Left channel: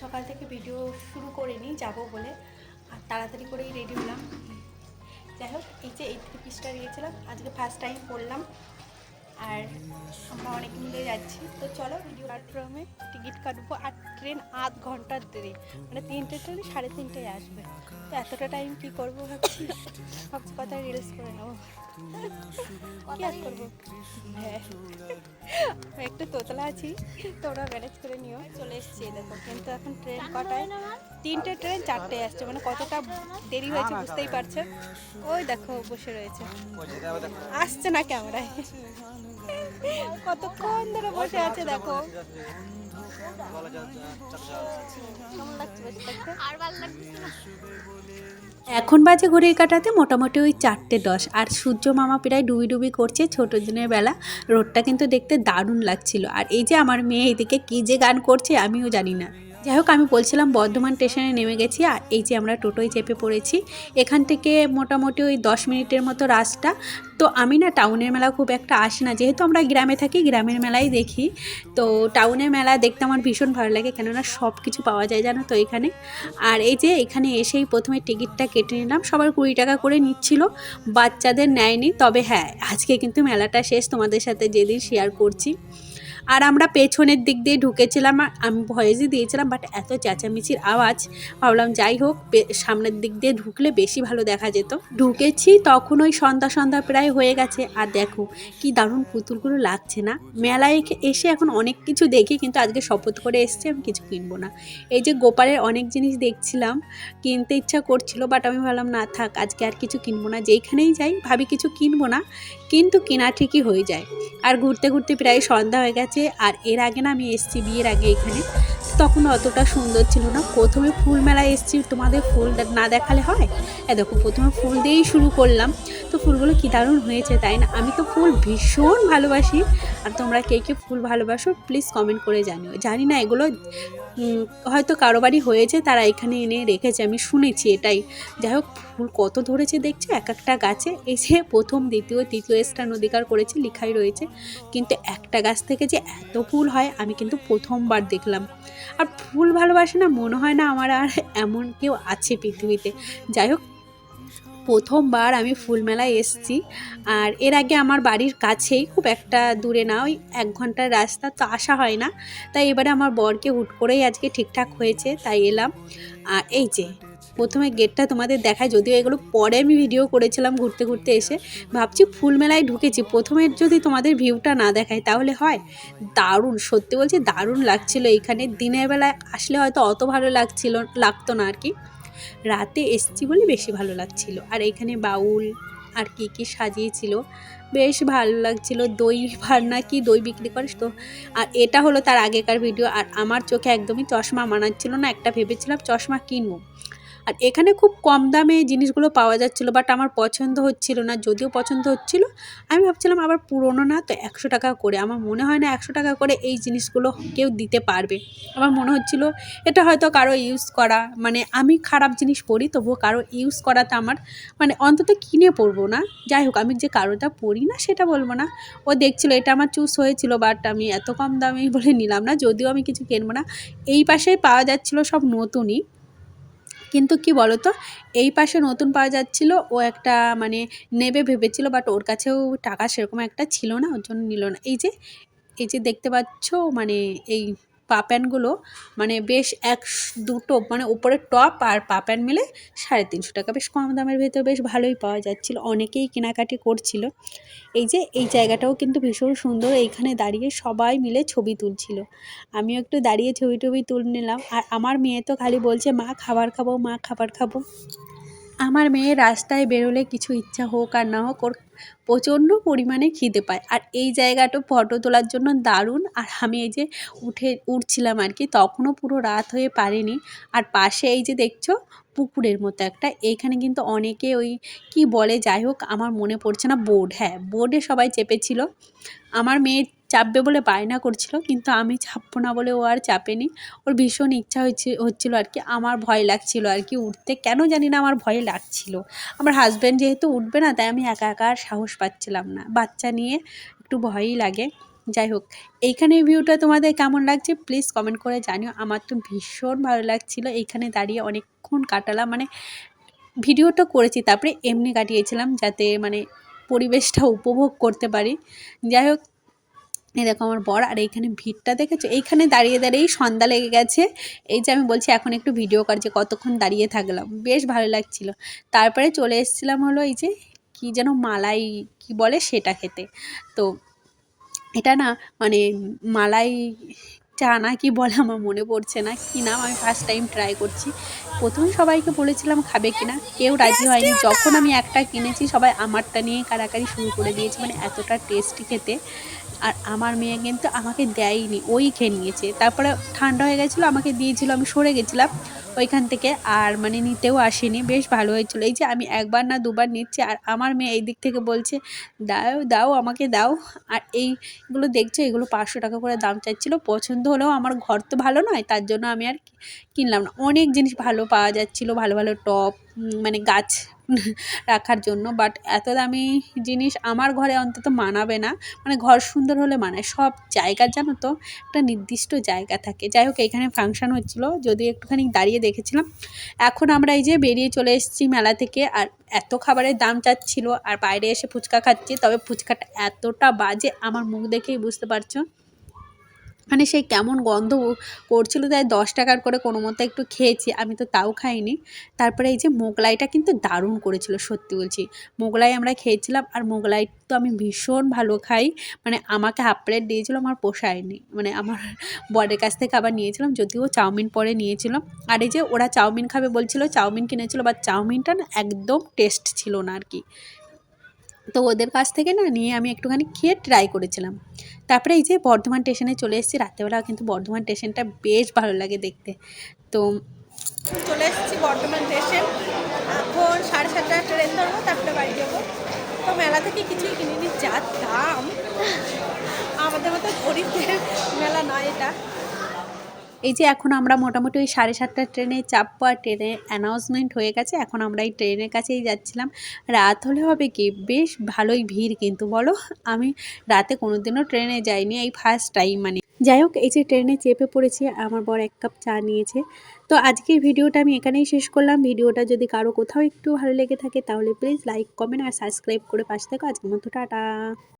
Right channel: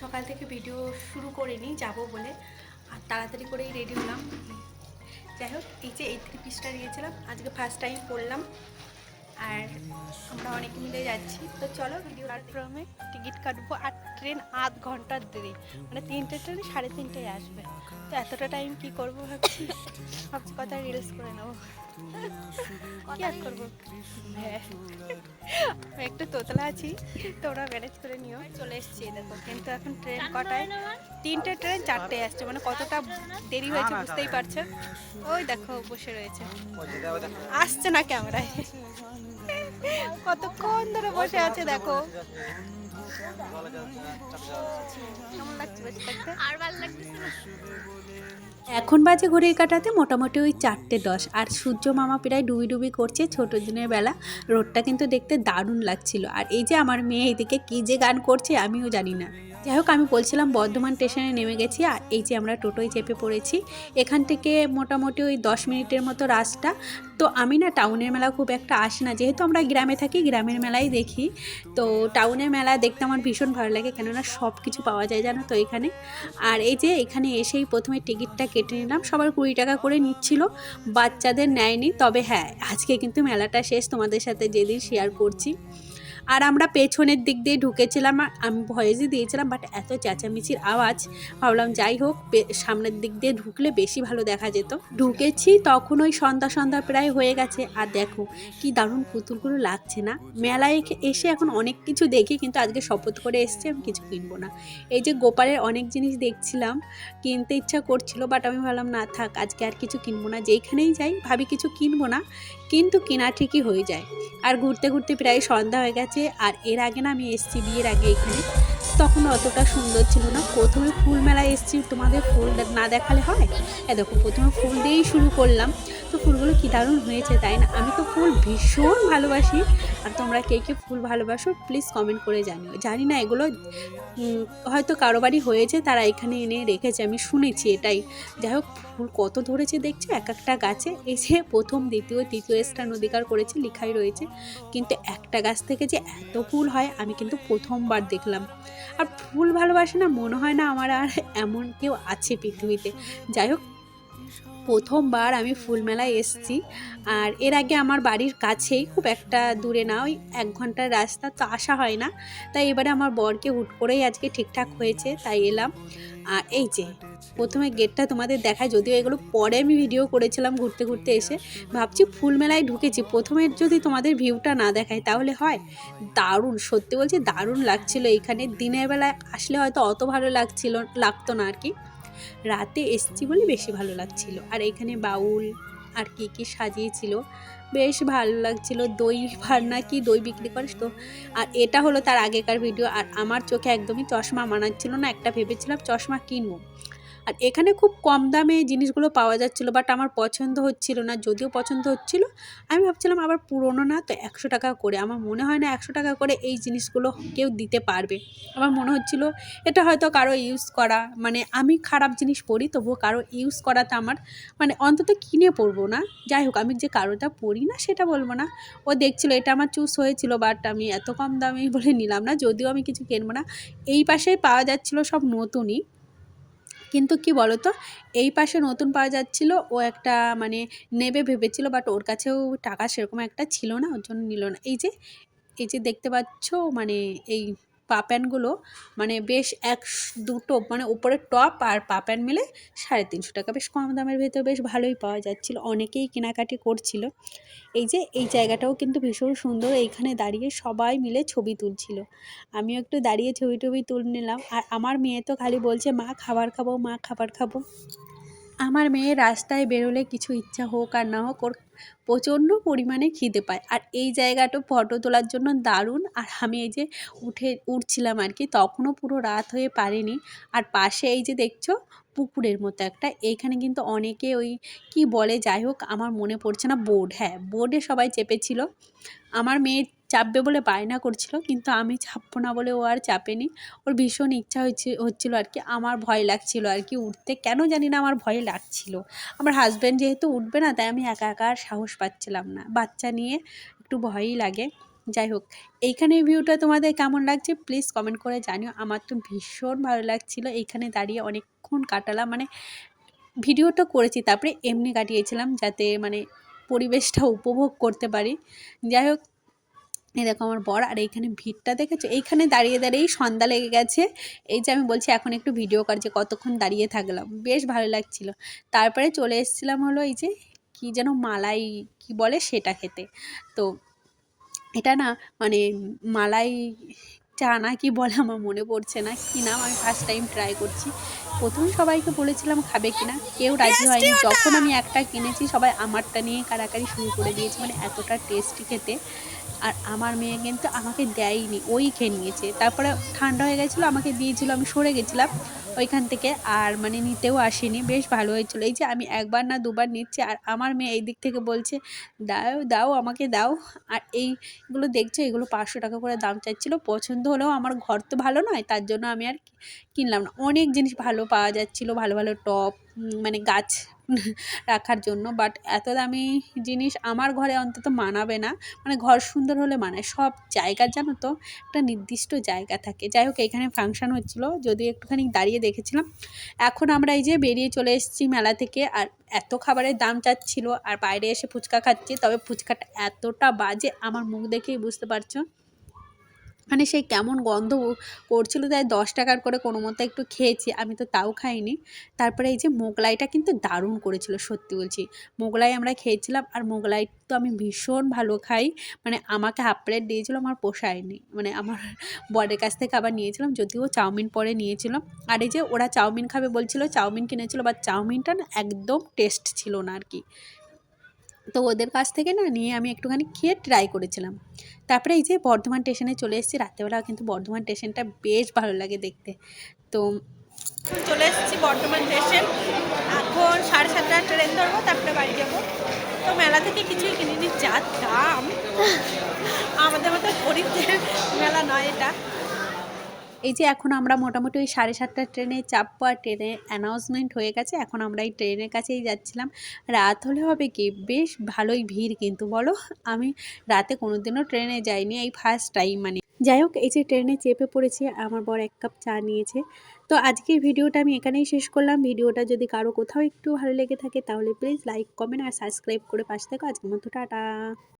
সকাল থেকে ভিডিও শুরু করিনি যাব বলে, আর তাড়াতাড়ি করেই রেডি হলাম। যাই হোক, এই যে এই 3 পিসটা নিয়েছিলাম, আজকে ফার্স্ট টাইম পরলাম। আর আমরা অনেকে মিলে যাচ্ছি, তো চলো ভিডিও প্ল্যাটফর্মে টিকিট কাটবো। আর ট্রেন আধ ঘন্টার দেরি, মানে 3টে ট্রেন 3:30টায় আসবে। তো এতটা টাইম কি করবো ভাবছি কথা রিলস করে নেবো। কি আর করবো, হ্যাঁ একটু তোতলা আছি, তোমরা ম্যানেজ করে নিও। চলে এসছি দেখো, কিন্তু এখন ট্রেন কটায়? 3টে ট্রেন 4টে আসছে, মানে কতটা দেরি হয়েছে বুঝতেই পারছেন। ওই দেখো বসে রয়েছে, আসছে না ক্যামেরায়, কতক্ষণ ধরে বসে আছে দেখো। কেমন লাগছে বসে থাকতে? আর ভালো লাগছে না। এখন বাজে ঘড়ির কাঁটাতে মোটামুটি ওই 4:10, আর সূর্য মামা প্রায় ডুবি ডুবি করছে ছোট দিনের বেলা। রোদটা কিন্তু দেখতে দারুণ লাগছিল। আর এই যে আমার মেয়ে এদিকে কী যে গান করছে আমিও জানি না। যাই হোক, আমি বলছিলাম বর্ধমান স্টেশনে নেমে গেছি, আর এই যে আমরা টোটোয় চেপে পড়েছি। এখান থেকে মোটামুটি ওই 10 মিনিটের মতো রাস্তা। তো আমি না টাউনের মেলা খুব একটা আসি না, যেহেতু আমরা গ্রামে থাকি, গ্রামের মেলাই দেখি। তো টাউনের মেলা দেখতে আমার ভীষণ ভালো লাগে, কেননা সব কিছু পাওয়া যায় জানো তো এখানে। আর এই যে এখানে এসেই প্রথমে টিকিটটা কেটে নিলাম, সবার 20 টাকা করে নিচ্ছিল, বাচ্চাদের নেয়নি। তবে হ্যাঁ, আজকে কিন্তু মেলাটা শেষ, তোমাদের সাথে যেদিন শেয়ার করছি। আর আমরা পেছনের দিক দিয়ে ঢুকেছিলাম, আর আমি ভয়েসই দিয়েছিলাম, বাট এত চেঁচামেচির আওয়াজ, ভাবলাম যাই হোক সামনের দিক দিয়ে ঢুকলে বেশি ভালো দেখা যেত। ঢুকেছি তখন ওই সন্ধ্যা সন্ধ্যা প্রায় হয়ে গেছে। আর দেখো কি দারুণ পুতুলগুলো লাগছে না। মেলায় এসে এখন অনেক কিছু দেখি, কিন্তু আজকে শপথ করে এসছি আমি কিছু কিনবো না। এই যে গোপালের অনেক জিনিস দেখছিলাম, কিনতে ইচ্ছা করছিল, বাট আমি ভাবলাম না থাক, আজকে আর কিছু কিনবো না। যেইখানেই যাই ভাবি কিছু কিনবো না, কিন্তু কেনা ঠিকই হয়ে যায়। আর ঘুরতে ঘুরতে প্রায় সন্ধ্যা হয়ে গেছে। আর এর আগে না আমি এসেছি বিয়ের আগে এখানে, তখন অতটা সুন্দর ছিল না। প্রথমে ফুল মেলায় এসেছি, তোমাদের ফুল না দেখালে হয়? দেখো প্রথমে ফুল দিয়েই শুরু করলাম। তো ফুলগুলো কী দারুণ হয়েছে তাই না? আমি তো ফুল ভীষণ ভালোবাসি। আর তোমরা কে কে ফুল ভালোবাসো প্লিজ কমেন্ট করে জানিও। জানি না এগুলো হয়তো কারো বাড়ি হয়েছে, তারা এখানে এনে রেখেছে, আমি শুনেছি এটাই। যাই হোক, ফুল কত ধরেছে দেখছো এক একটা গাছে। এই যে প্রথম দ্বিতীয় তৃতীয় স্থান অধিকার করেছে লেখাই রয়েছে, কিন্তু একটা গাছ থেকে যে এত ফুল হয় আমি কিন্তু প্রথমবার দেখলাম। আর ফুল ভালোবাসে না মনে হয় না আমার আর এমন কেউ আছে পৃথিবীতে। যাই হোক, প্রথমবার আমি ফুল মেলায় এসেছি। আর এর আগে আমার বাড়ির কাছেই, খুব একটা দূরে না, ওই 1 ঘন্টার রাস্তা, তো আসা হয় না। তাই এবারে আমার বরকে হুট করেই আজকে ঠিকঠাক হয়েছে, তাই এলাম। আর এই যে প্রথমে গেটটা তোমাদের দেখায়, যদিও এগুলো পরে আমি ভিডিও করেছিলাম ঘুরতে ঘুরতে এসে। ভাবছি ফুল মেলায় ঢুকেছি, প্রথমে যদি তোমাদের ভিউটা না দেখায় তাহলে হয়? দারুণ, সত্যি বলছি দারুণ লাগছিল এইখানে। দিনের বেলায় আসলে হয়তো অত ভালো লাগতো না আর কি। রাতে এসছি বলে বেশি ভালো লাগছিল। আর এখানে বাউল আর কি কি সাজিয়েছিল, বেশ ভালো লাগছিল। দই ভার না কি দই বিক্রি করে তো। আর এটা হলো তার আগেকার ভিডিও। আর আমার চোখে একদমই চশমা মানাচ্ছিল না, একটা ভেবেছিলাম চশমা কিনবো। আর এখানে খুব কম দামে জিনিসগুলো পাওয়া যাচ্ছিলো, বাট আমার পছন্দ হচ্ছিল না। যদিও পছন্দ হচ্ছিল, আমি ভাবছিলাম আবার পুরনো না তো 100 টাকা করে, আমার মনে হয় না 100 টাকা করে এই জিনিসগুলো কেউ দিতে পারবে। আমার মনে হচ্ছিল এটা হয়তো কারো ইউজ করা, মানে আমি খারাপ জিনিস পরি তবুও কারো ইউজ করাতে আমার মানে অন্তত কিনে পরবো না। যাই হোক, আমি যে কারোটা পরি না সেটা বলবো না। ও দেখছিল, এটা আমার চুজ হয়েছিল, বাট আমি এত কম দামে বলে নিলাম না, যদিও আমি কিছু কিনবো না। এই পাশে পাওয়া যাচ্ছিল সব নতুনই, কিন্তু কি বলতো, এই পাশে নতুন পাওয়া যাচ্ছিল, ও একটা মানে নেবে ভেবেছিল, বাট ওর কাছেও টাকা সেরকম একটা ছিল না, ওর জন্য নিল না। এই যে দেখতে পাচ্ছ, মানে এই পা প্যান্টগুলো, মানে বেশ দুটো, মানে উপরে টপ আর পা প্যান্ট মিলে 350 টাকা, বেশ কম দামের ভিতরে বেশ ভালোই পাওয়া যাচ্ছিল। অনেকেই কেনাকাটি করছিল। এই যে এই জায়গাটাও কিন্তু ভীষণ সুন্দর, এইখানে দাঁড়িয়ে সবাই মিলে ছবি তুলছিল। আমিও একটু দাঁড়িয়ে ছবি টবি তুলে নিলাম। আর আমার মেয়ে তো খালি বলছে মা খাবার খাবো, মা খাবার খাবো। আমার মেয়ে রাস্তায় বেরোলে কিছু ইচ্ছা হোক আর না হোক, ওর প্রচণ্ড পরিমাণে খিদে পায়। আর এই জায়গাটা ফটো তোলার জন্য দারুণ। আর আমি এই যে উঠছিলাম আর কি, তখনও পুরো রাত হয়ে পারেনি। আর পাশে এই যে দেখছো পুকুরের মতো একটা, এইখানে কিন্তু অনেকে ওই কি বলে, যাই হোক আমার মনে পড়ছে না, বোর্ড, হ্যাঁ বোর্ডে সবাই চেপেছিল। আমার মেয়ে চাপবে বলে বায়না করছিল, কিন্তু আমি চাপবো না বলে ও আর চাপেনি। ওর ভীষণ ইচ্ছা হচ্ছিল আর কি। আমার ভয় লাগছিল আর কি উঠতে, কেন জানি না আমার ভয় লাগছিল। আমার হাজব্যান্ড যেহেতু উঠবে না, তাই আমি একা একা আর সাহস পাচ্ছিলাম না, বাচ্চা নিয়ে একটু ভয়ই লাগে। যাই হোক, এইখানে ভিউটা তোমাদের কেমন লাগছে প্লিজ কমেন্ট করে জানিও। আমার তো ভীষণ ভালো লাগছিলো এইখানে দাঁড়িয়ে অনেকক্ষণ কাটালাম, মানে ভিডিওটা করেছি তারপরে এমনি কাটিয়েছিলাম যাতে মানে পরিবেশটা উপভোগ করতে পারি। যাই হোক, এই দেখো আমার বর, আর এইখানে ভিড়টা দেখেছো, এইখানে দাঁড়িয়ে দাঁড়িয়েই সন্ধ্যা লেগে গেছে। এই যে আমি বলছি এখন একটু ভিডিও করছি, কতক্ষণ দাঁড়িয়ে থাকলাম, বেশ ভালো লাগছিল। তারপরে চলে এসেছিলাম হলো এই যে কী যেন মালাই কি বলে সেটা খেতে। তো এটা না মানে মালাই চা না কি বলে আমার মনে পড়ছে না কি নাম, আমি ফার্স্ট টাইম ট্রাই করছি। প্রথমে সবাইকে বলেছিলাম খাবে কিনা, কেউ রাজি হয়নি। যখন আমি একটা কিনেছি সবাই আমারটা নিয়ে কাড়াকাড়ি শুরু করে দিয়েছে, মানে এতটা টেস্টি খেতে। আর আমার মেয়ে কিন্তু আমাকে দেয়নি, ওই খেয়ে নিয়েছে। তারপরে ঠান্ডা হয়ে গেছিলো, আমাকে দিয়েছিল, আমি সরে গেছিলাম ওইখান থেকে, আর মানে নিতেও আসেনি। বেশ ভালো হয়েছিল। এই যে আমি একবার না দুবার নিচ্ছি, আর আমার মেয়ে এই দিক থেকে বলছে দাও দাও আমাকে দাও। আর এইগুলো দেখছো, এগুলো 500 টাকা করে দাম চাচ্ছিলো। পছন্দ হলেও আমার ঘর তো ভালো নয়, তার জন্য আমি আর কিনলাম না। অনেক জিনিস ভালো পাওয়া যাচ্ছিলো, ভালো ভালো টব, মানে গাছ রাখার জন্য, বাট এত দামি জিনিস আমার ঘরে অন্তত মানাবে না। মানে ঘর সুন্দর হলে মানায়, সব জায়গার জানো তো একটা নির্দিষ্ট জায়গা থাকে। যাই হোক, এখানে ফাংশান হচ্ছিলো, যদি একটুখানি দাঁড়িয়ে দেখেছিলাম। এখন আমরা এই যে বেরিয়ে চলে এসেছি মেলা থেকে, আর এত খাবারের দাম চাচ্ছিল, আর বাইরে এসে ফুচকা খাচ্ছি। তবে ফুচকাটা এতটা বাজে, আমার মুখ দেখেই বুঝতে পারছো, মানে সেই কেমন গন্ধ করছিল। তাই 10 টাকার করে কোনো মতো একটু খেয়েছি, আমি তো তাও খাইনি। তারপরে এই যে মোগলাইটা কিন্তু দারুণ করেছিল, সত্যি বলছি। মোগলাই আমরা খেয়েছিলাম, আর মোগলাই তো আমি ভীষণ ভালো খাই। মানে আমাকে হাফ প্লেট দিয়েছিল, আমার পোষায়নি, মানে আমার বরের কাছ থেকে আবার নিয়েছিলাম, যদিও চাউমিন পরে নিয়েছিলাম। আর এই যে ওরা চাউমিন খাবে বলছিল, চাউমিন কিনেছিল, বাট চাউমিনটা না একদম টেস্ট ছিল না আর কি। তো ওদের কাছ থেকে না নিয়ে আমি একটুখানি খেয়ে ট্রাই করেছিলাম। তারপরে এই যে বর্ধমান স্টেশনে চলে এসেছি। রাত্রেবেলা কিন্তু বর্ধমান স্টেশনটা বেশ ভালো লাগে দেখতে। তো চলে এসেছি বর্ধমান স্টেশন, এখন 7:30 ট্রেন ধরবো, তারপরে বাড়ি যাবো। তো মেলা থেকে কিছুই কিনিনি, যা দাম, আমাদের মতো গরিবদের মেলা নয় এটা। এই যে এখন আমরা মোটামুটি ওই 7:30 ট্রেনে চাপবো, আর ট্রেনে অ্যানাউন্সমেন্ট হয়ে গেছে। এখন আমরা এই ট্রেনের কাছেই যাচ্ছিলাম। রাত হলে হবে কি, বেশ ভালোই ভিড় কিন্তু বলো। আমি রাতে কোনোদিনও ট্রেনে যাইনি, এই ফার্স্ট টাইম মানে। যাই হোক, এই যে ট্রেনে চেপে পড়েছি, আমার বর 1 কাপ চা নিয়েছে। তো আজকের ভিডিওটা আমি এখানেই শেষ করলাম। ভিডিওটা যদি কারো কোথাও একটু ভালো লেগে থাকে তাহলে প্লিজ লাইক, কমেন্ট আর সাবস্ক্রাইব করে পাশে থাকো। আজকের মতো টাটা।